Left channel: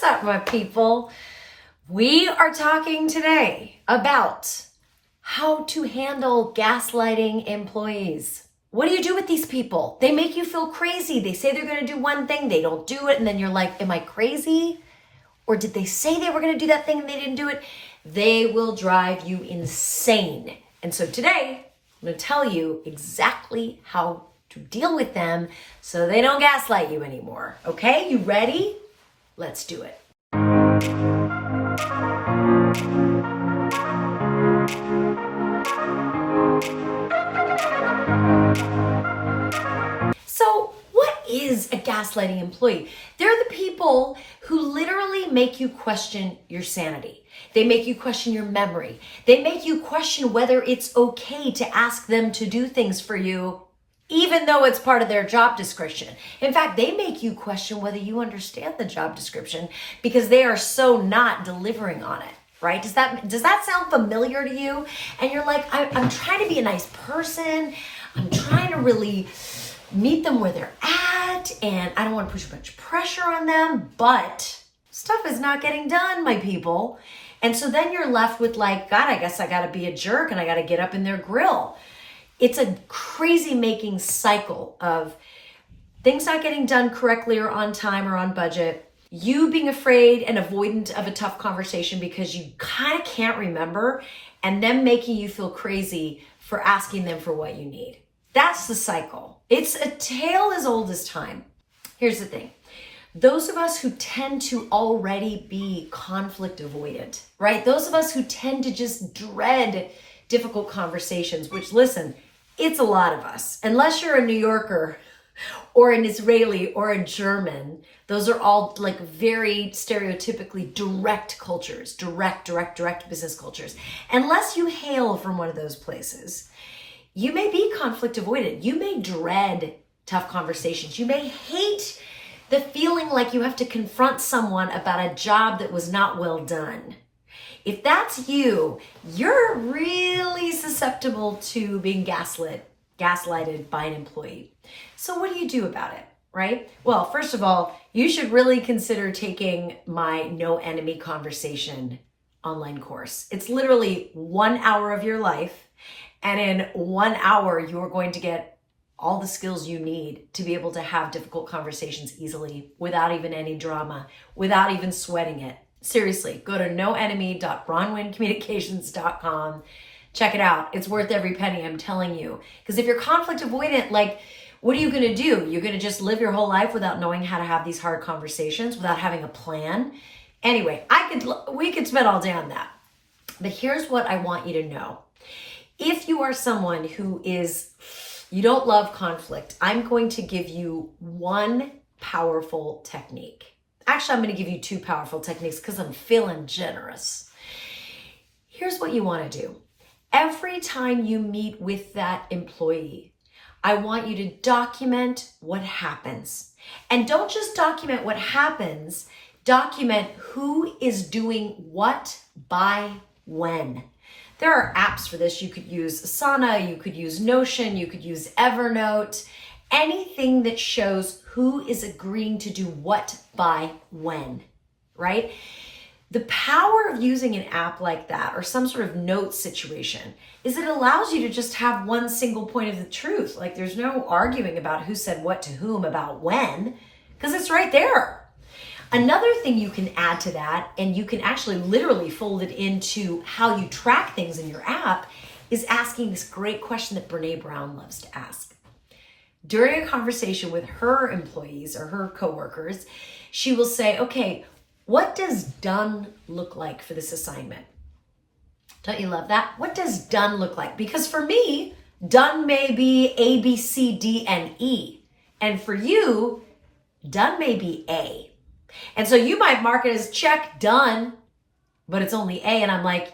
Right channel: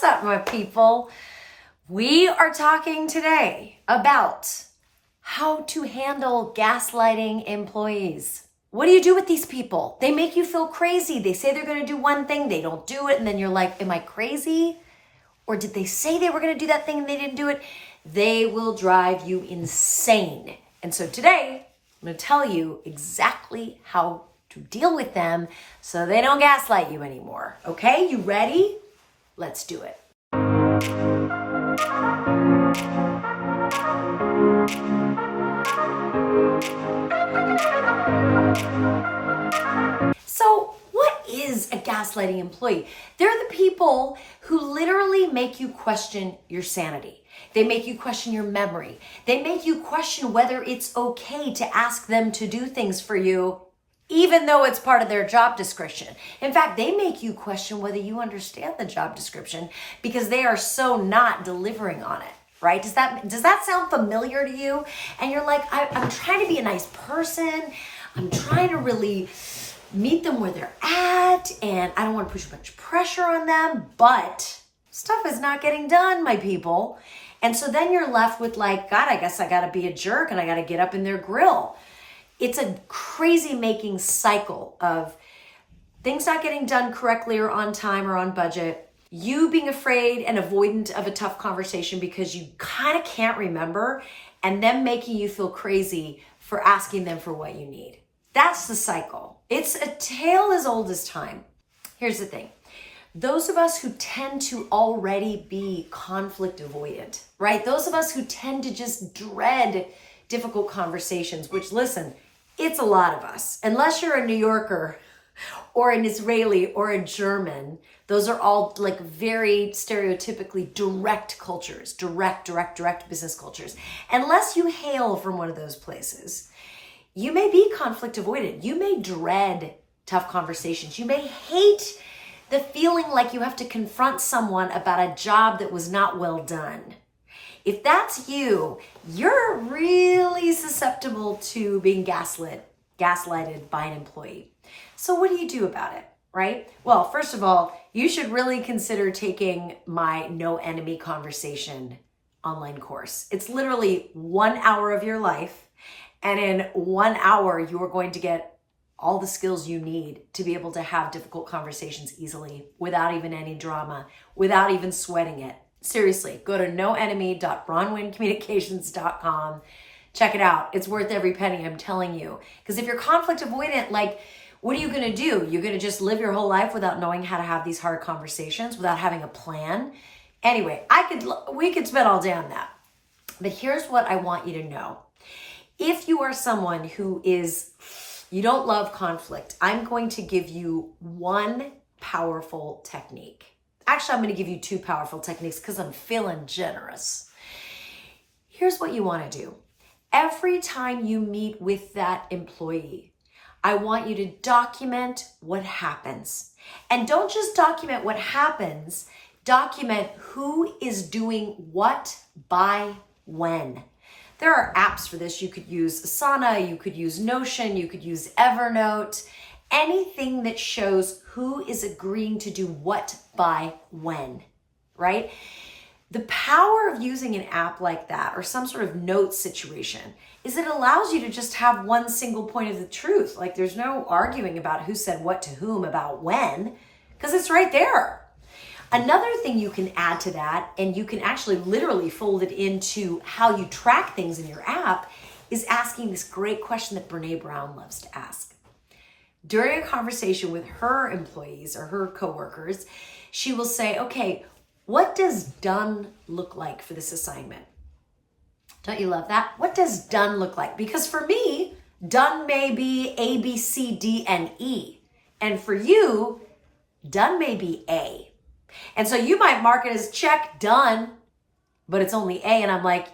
What's up, my people? We are talking today about how to handle gaslighting employees. What do you do with these people? They make you feel crazy. They say they're going to do one thing, they don't do it, and then you're like, am I crazy? Or did they say they were going to do that thing and they didn't do it? They will drive you insane. And so today, I'm going to tell you exactly how to deal with them so they don't gaslight you anymore. Okay, you ready? Let's do it. So, what is a gaslighting employee? They're the people who literally make you question your sanity. They make you question your memory. They make you question whether it's okay to ask them to do things for you, even though it's part of their job description. In fact, they make you question whether you understand the job description because they are so not delivering on it, right? Does that sound familiar to you? And you're like, I'm trying to be a nice person. I'm trying to really meet them where they're at, and I don't want to push much pressure on them, but stuff is not getting done, my people. And so then you're left with like, God, I guess I got to be a jerk and I got to get up in their grill. It's a crazy making cycle of things not getting done correctly or on time or on budget, you being afraid and avoidant of a tough conversation because you kind of can't remember, and them making you feel crazy for asking them for what you need. That's the cycle. It's a tale as old as time. Here's the thing. Those of us who tend to already be conflict avoidant, right? Those of us who tend to just dread difficult conversations, which, listen, it's a lot of us. Unless you're a New Yorker or an Israeli or a German, those are all like very stereotypically direct cultures, direct business cultures. Unless you hail from one of those places, you may be conflict avoidant. You may dread tough conversations. You may hate the feeling like you have to confront someone about a job that was not well done. If that's you're really susceptible to being gaslighted by an employee. So what do you do about it, right? Well, first of all, you should really consider taking my No Enemy Conversation online course. It's literally 1 hour of your life. And in 1 hour, you're going to get all the skills you need to be able to have difficult conversations easily without even any drama, without even sweating it. Seriously, go to noenemy.bronwyncommunications.com. Check it out. It's worth every penny, I'm telling you. Because if you're conflict avoidant, like, what are you going to do? You're going to just live your whole life without knowing how to have these hard conversations, without having a plan? Anyway, we could spend all day on that. But here's what I want you to know. If you are someone who you don't love conflict, I'm going to give you one powerful technique. Actually, I'm going to give you two powerful techniques because I'm feeling generous. Here's what you want to do. Every time you meet with that employee, I want you to document what happens. And don't just document what happens, document who is doing what by when. There are apps for this. You could use Asana, you could use Notion, you could use Evernote, anything that shows who is agreeing to do what by when, right? The power of using an app like that or some sort of note situation is it allows you to just have one single point of the truth. Like there's no arguing about who said what to whom about when, because it's right there. Another thing you can add to that, and you can actually literally fold it into how you track things in your app, is asking this great question that Brene Brown loves to ask. During a conversation with her employees or her coworkers, she will say, okay, what does done look like for this assignment? Don't you love that? What does done look like? Because for me, done may be A, B, C, D, and E. And for you, done may be A. And so you might mark it as check, done, but it's only A. And I'm like,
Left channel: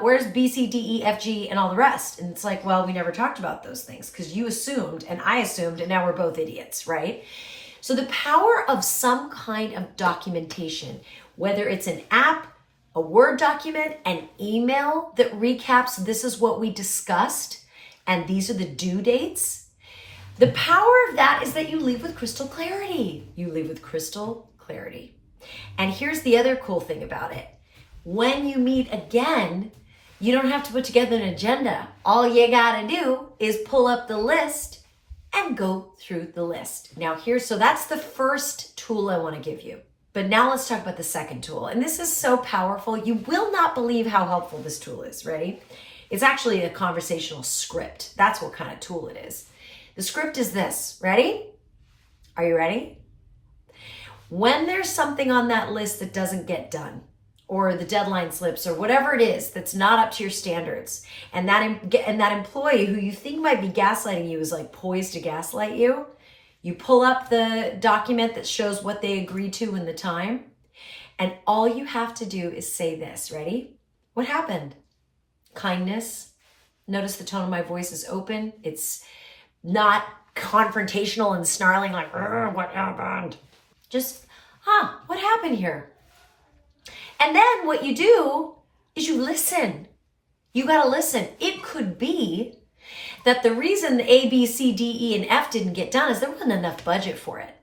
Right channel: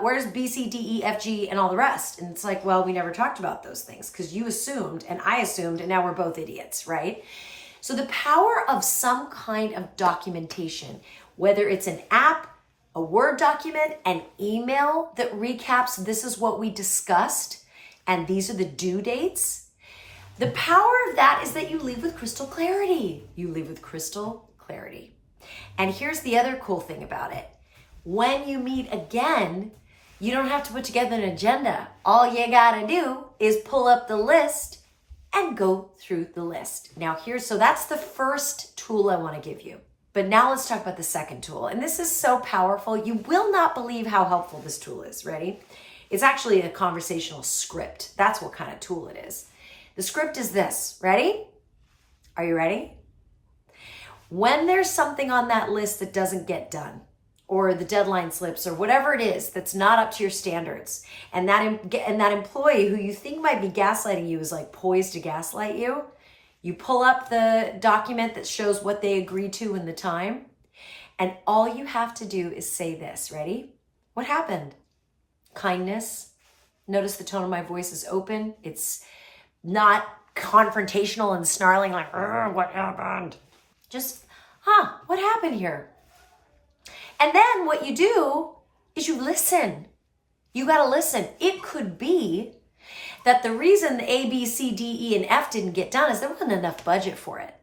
where's B, C, D, E, F, G, and all the rest? And it's like, well, we never talked about those things because you assumed and I assumed, and now we're both idiots, right? So the power of some kind of documentation, whether it's an app, a Word document, an email that recaps this is what we discussed and these are the due dates. The power of that is that you leave with crystal clarity. You leave with crystal clarity. And here's the other cool thing about it. When you meet again, you don't have to put together an agenda. All you gotta do is pull up the list and go through the list. Now so that's the first tool I wanna give you. But now let's talk about the second tool. And this is so powerful. You will not believe how helpful this tool is. Ready? It's actually a conversational script. That's what kind of tool it is. The script is this. Ready? Are you ready? When there's something on that list that doesn't get done, or the deadline slips, or whatever it is that's not up to your standards, and that employee who you think might be gaslighting you is like poised to gaslight you, you pull up the document that shows what they agreed to in the time, and all you have to do is say this. Ready? What happened? Kindness. Notice the tone of my voice is open. It's not confrontational and snarling like, what happened? Just, what happened here? And then what you do is you listen. You got to listen. It could be that the reason the A, B, C, D, E, and F didn't get done is there wasn't enough budget for it.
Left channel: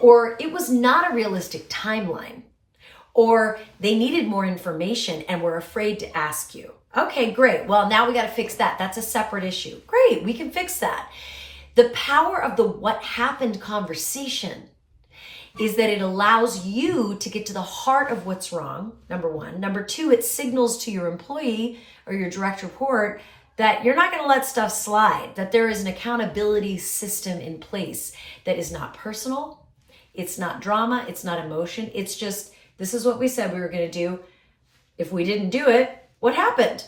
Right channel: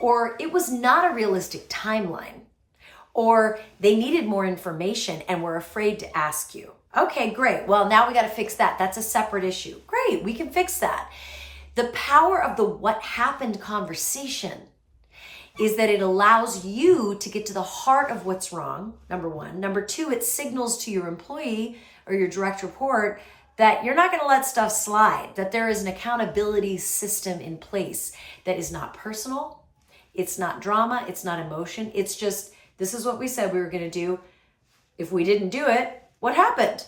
Or it was not a realistic timeline. Or they needed more information and were afraid to ask you. Okay, great. Well, now we got to fix that. That's a separate issue. Great, we can fix that. The power of the what happened conversation is that it allows you to get to the heart of what's wrong, number one. Number two, it signals to your employee or your direct report that you're not going to let stuff slide, that there is an accountability system in place that is not personal, it's not drama, it's not emotion, it's just, this is what we said we were going to do. If we didn't do it, what happened?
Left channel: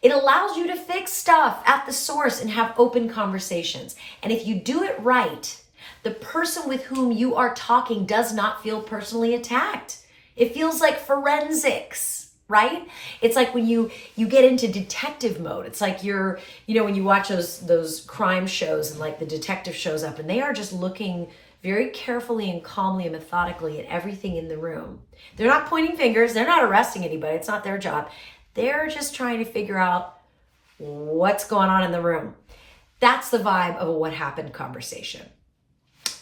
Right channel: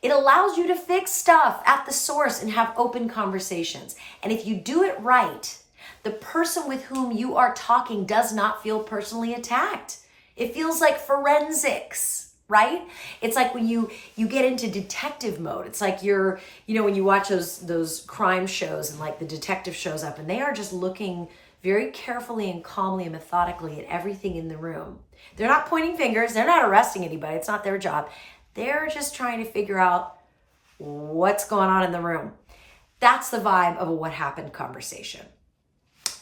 It allows you to fix stuff at the source and have open conversations. And if you do it right, the person with whom you are talking does not feel personally attacked. It feels like forensics, right? It's like when you get into detective mode. It's like when you watch those crime shows and like the detective shows up and they are just looking very carefully and calmly and methodically at everything in the room. They're not pointing fingers. They're not arresting anybody. It's not their job. They're just trying to figure out what's going on in the room. That's the vibe of a what happened conversation.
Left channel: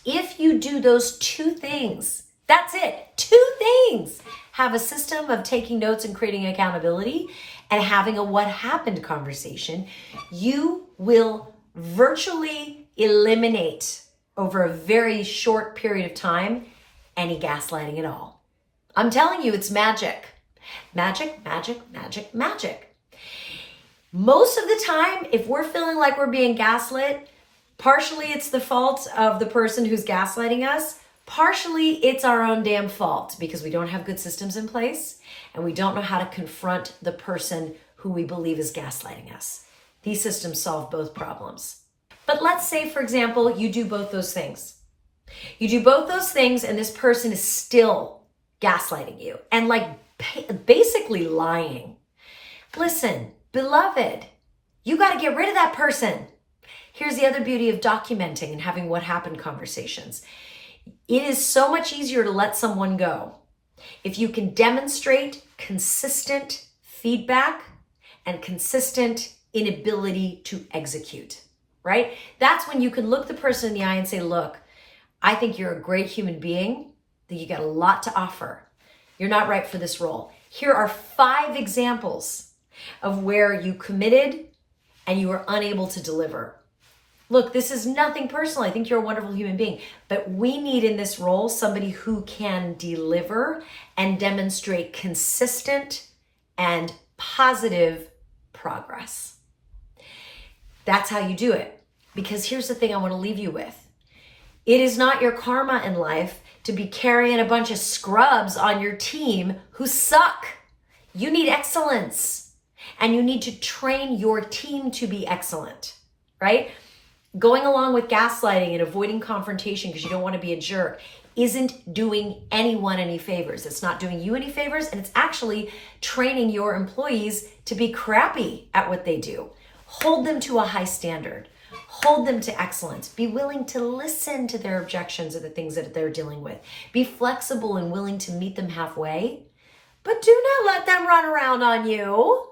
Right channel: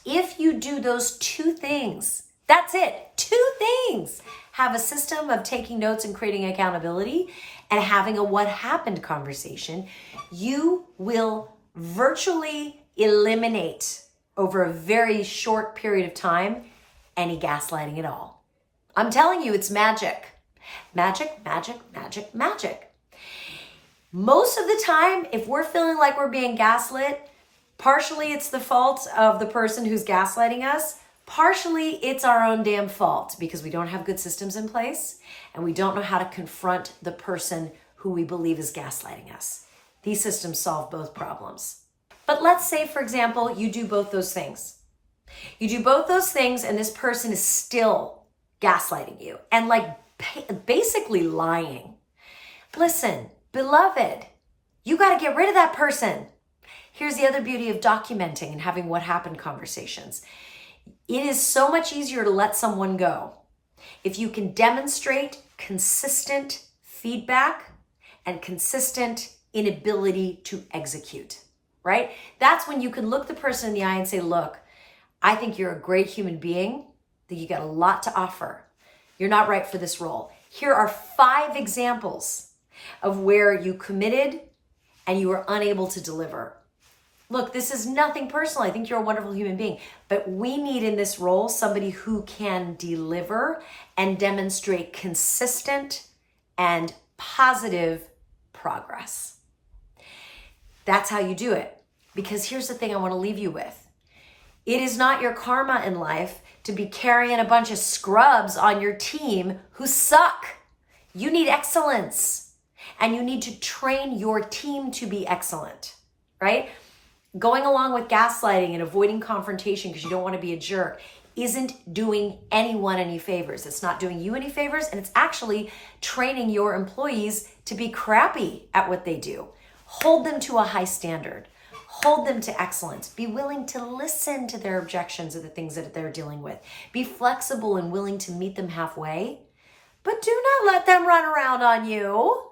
If you do those two things, that's it, two things. Have a system of taking notes and creating accountability and having a what happened conversation, you will virtually eliminate over a very short period of time any gaslighting at all. I'm telling you, it's magic. Magic, magic, magic, magic. Most of the time, if we're feeling like we're being gaslit, partially it's the fault of the person who's gaslighting us. Partially it's our own damn fault because we don't have good systems in place and we don't know how to confront the person who we believe is gaslighting us. These systems solve both problems. But let's say, for example, you do both those things. You do both those things and this person is still gaslighting you and like basically lying. Listen, beloved, you got to get rid of that person. Here's the other beauty of documenting and having what happened conversations. It is so much easier to let someone go if you can demonstrate consistent feedback and consistent inability to execute, right? That's when you can look the person in the eye and say, look, I think you're a great human being, that you got a lot to offer. You're not right for this role. Here are 5 examples of where you committed and you were unable to deliver. Look, this is nothing personal. I think you're a wonderful human being, but we need in this role somebody who can deliver and demonstrate consistent and positive progress. That's how you do it. Because here's the thing I want to leave you with. It is not your karma in life to be carrying a bunch of scrubs on your team who suck. You need excellence and you need to train your team to be excellent, right? Going along with gaslighting and avoiding confrontation because you don't want to be a jerk isn't doing anyone any favors. It's not doing you any favors, and it's actually training your employees to be crappy at what they do. Hold them to a high standard. Hold them to excellence. Be willing to listen to their objections or the things that they're dealing with. Be flexible and willing to meet them halfway, but do not let them run around on you.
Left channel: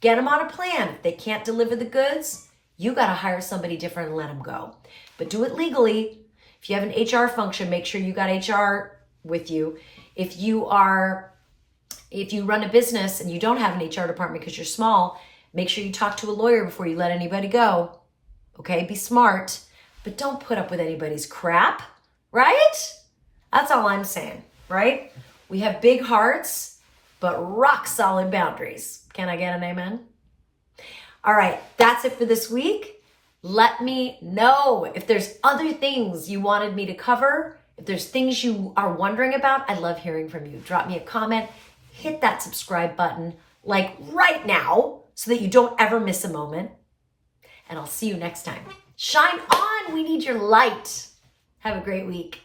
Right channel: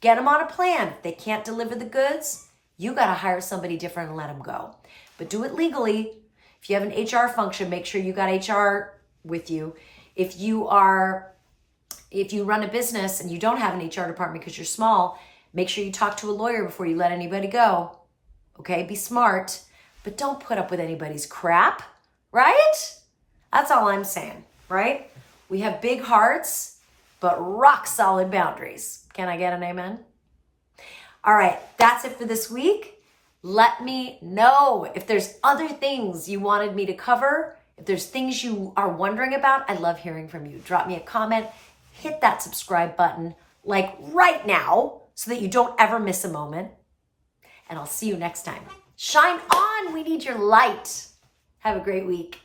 Get them on a plan. If they can't deliver the goods, you got to hire somebody different and let them go. But do it legally. If you have an HR function, make sure you got HR with you. If you run a business and you don't have an HR department because you're small, make sure you talk to a lawyer before you let anybody go. Okay, be smart, but don't put up with anybody's crap, right? That's all I'm saying, right? We have big hearts, but rock solid boundaries. Can I get an amen? All right, that's it for this week. Let me know if there's other things you wanted me to cover. If there's things you are wondering about, I love hearing from you. Drop me a comment, hit that subscribe button like right now so that you don't ever miss a moment. And I'll see you next time. Shine on, we need your light. Have a great week.